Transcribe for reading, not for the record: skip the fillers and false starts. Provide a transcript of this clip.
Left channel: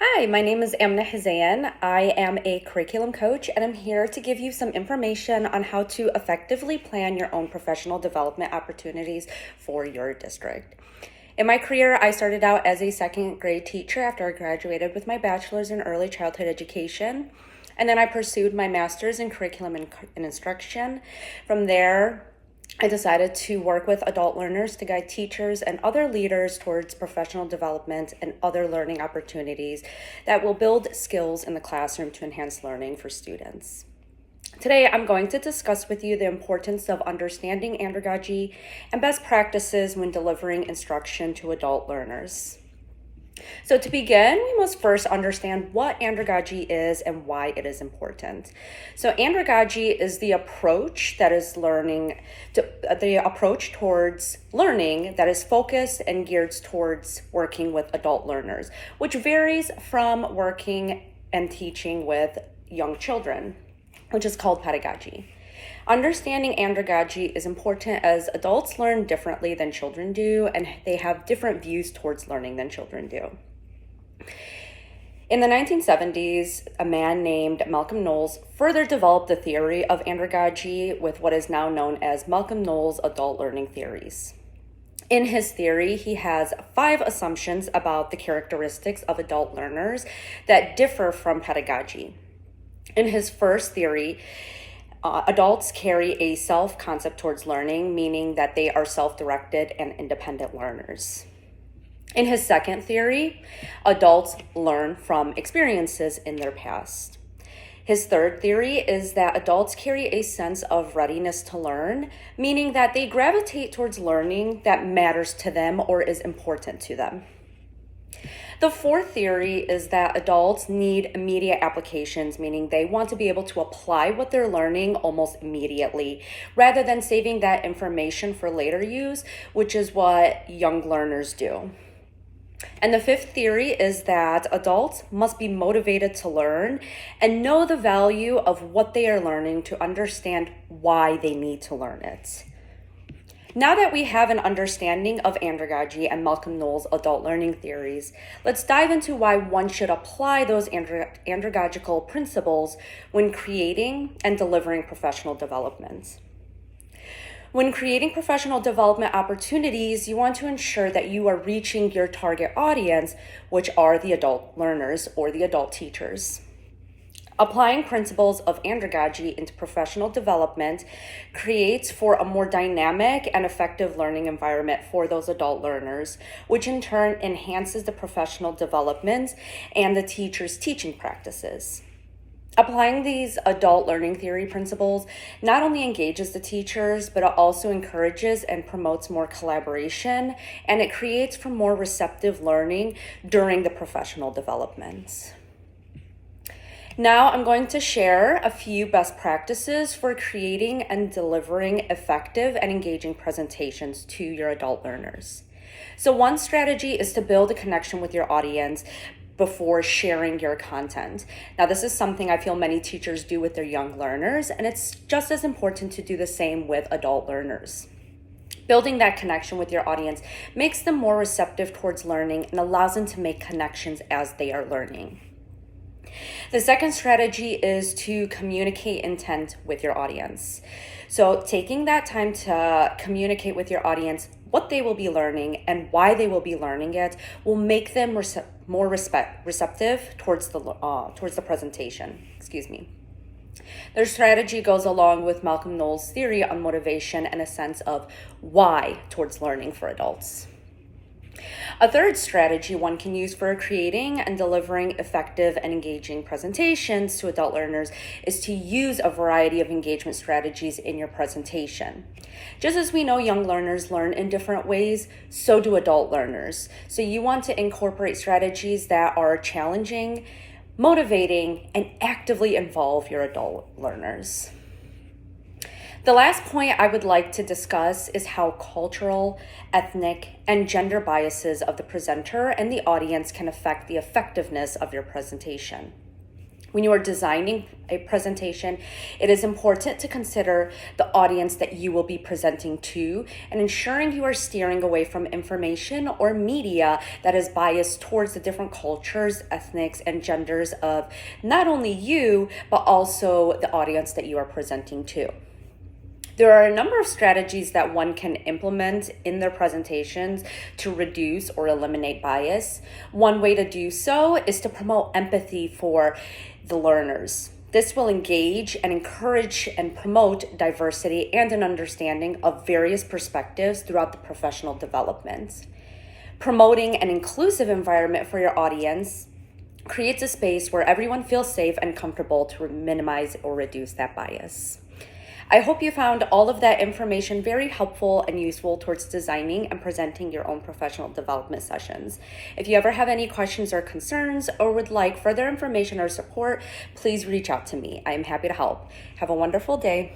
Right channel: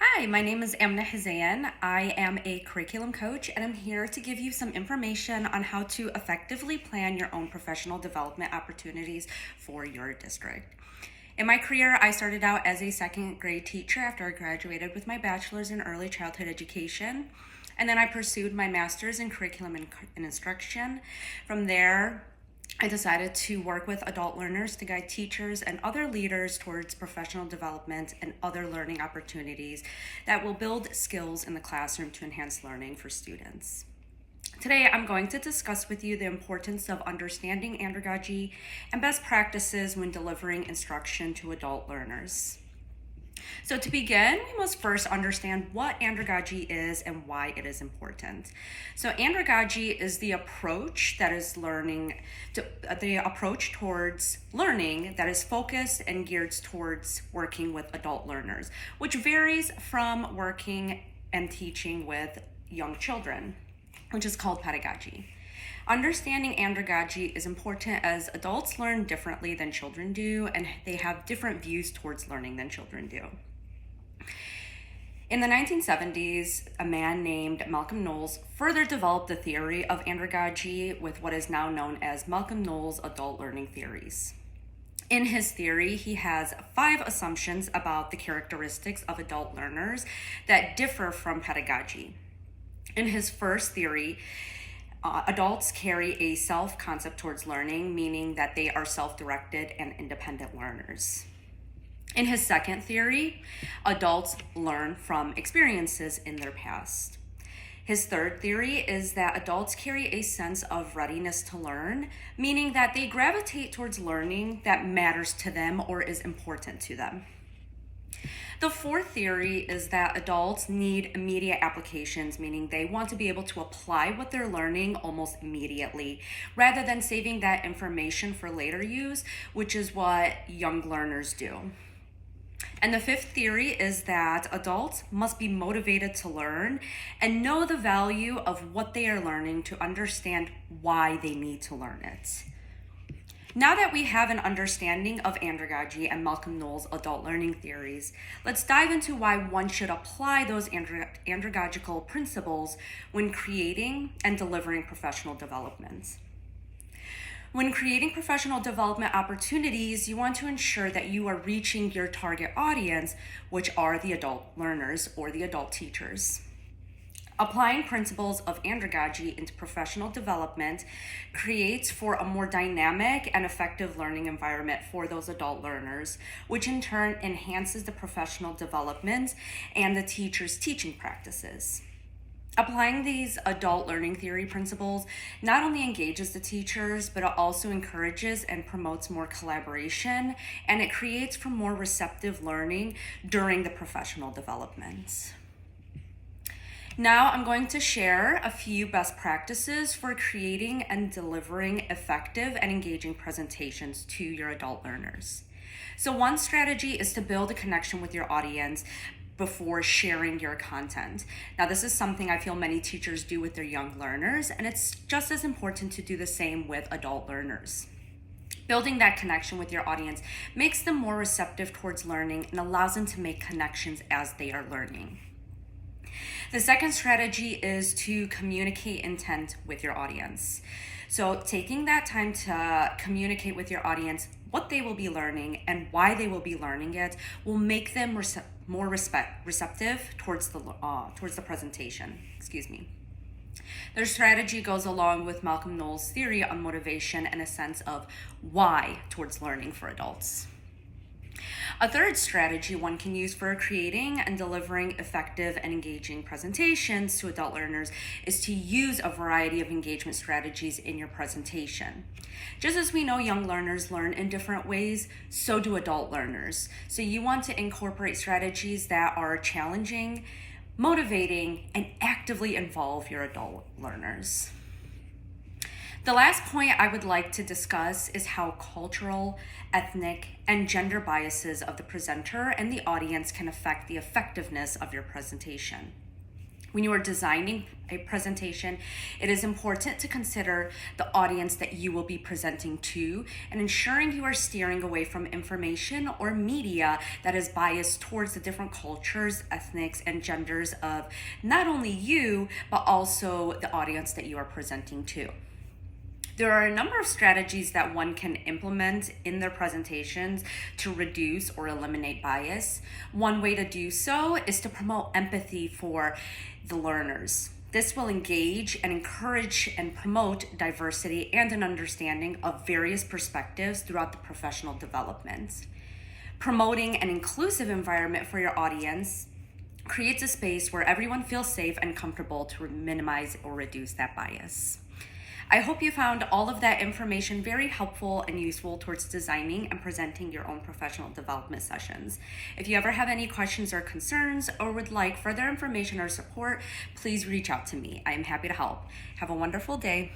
Hi, my name is Learners-EDU-585-Hzaiyen. I am a curriculum coach, and I'm here to give you some information on how to effectively plan your own professional development opportunities for your district. In my career, I started out as a second grade teacher after I graduated with my bachelor's in early childhood education. And then I pursued my master's in curriculum and instruction. From there, I decided to work with adult learners to guide teachers and other leaders towards professional development and other learning opportunities that will build skills in the classroom to enhance learning for students. Today, I'm going to discuss with you the importance of understanding andragogy and best practices when delivering instruction to adult learners. So to begin, we must first understand what andragogy is and why it is important. So andragogy is the approach that is the approach towards learning that is focused and geared towards working with adult learners, which varies from working and teaching with young children, which is called pedagogy. Understanding andragogy is important as adults learn differently than children do, and they have different views towards learning than children do. In the 1970s, a man named Malcolm Knowles further developed the theory of andragogy with what is now known as Malcolm Knowles' adult learning theories. In his theory, he has 5 assumptions about the characteristics of adult learners that differ from pedagogy. In his first theory, adults carry a self-concept towards learning, meaning that they are self-directed and independent learners. In his second theory, adults learn from experiences in their past. His third theory is that adults carry a sense of readiness to learn, meaning that they gravitate towards learning that matters to them or is important to them. The fourth theory is that adults need immediate applications, meaning they want to be able to apply what they're learning almost immediately, rather than saving that information for later use, which is what young learners do. And the fifth theory is that adults must be motivated to learn and know the value of what they are learning to understand why they need to learn it. Now that we have an understanding of andragogy and Malcolm Knowles' adult learning theories, let's dive into why one should apply those andragogical principles when creating and delivering professional development. When creating professional development opportunities, you want to ensure that you are reaching your target audience, which are the adult learners or the adult teachers. Applying principles of andragogy into professional development creates for a more dynamic and effective learning environment for those adult learners, which in turn enhances the professional development and the teacher's teaching practices. Applying these adult learning theory principles not only engages the teachers, but it also encourages and promotes more collaboration, and it creates for more receptive learning during the professional development. Now I'm going to share a few best practices for creating and delivering effective and engaging presentations to your adult learners. So one strategy is to build a connection with your audience before sharing your content. Now this is something I feel many teachers do with their young learners, and it's just as important to do the same with adult learners. Building that connection with your audience makes them more receptive towards learning and allows them to make connections as they are learning. The second strategy is to communicate intent with your audience. So taking that time to communicate with your audience what they will be learning and why they will be learning it will make them more receptive towards the presentation. Their strategy goes along with Malcolm Knowles' theory on motivation and a sense of why towards learning for adults. A third strategy one can use for creating and delivering effective and engaging presentations to adult learners is to use a variety of engagement strategies in your presentation. Just as we know young learners learn in different ways, so do adult learners. So you want to incorporate strategies that are challenging, motivating, and actively involve your adult learners. The last point I would like to discuss is how cultural, ethnic, and gender biases of the presenter and the audience can affect the effectiveness of your presentation. When you are designing a presentation, it is important to consider the audience that you will be presenting to and ensuring you are steering away from information or media that is biased towards the different cultures, ethnics, and genders of not only you, but also the audience that you are presenting to. There are a number of strategies that one can implement in their presentations to reduce or eliminate bias. One way to do so is to promote empathy for the learners. This will engage and encourage and promote diversity and an understanding of various perspectives throughout the professional development. Promoting an inclusive environment for your audience creates a space where everyone feels safe and comfortable to minimize or reduce that bias. I hope you found all of that information very helpful and useful towards designing and presenting your own professional development sessions. If you ever have any questions or concerns or would like further information or support, please reach out to me. I am happy to help. Have a wonderful day.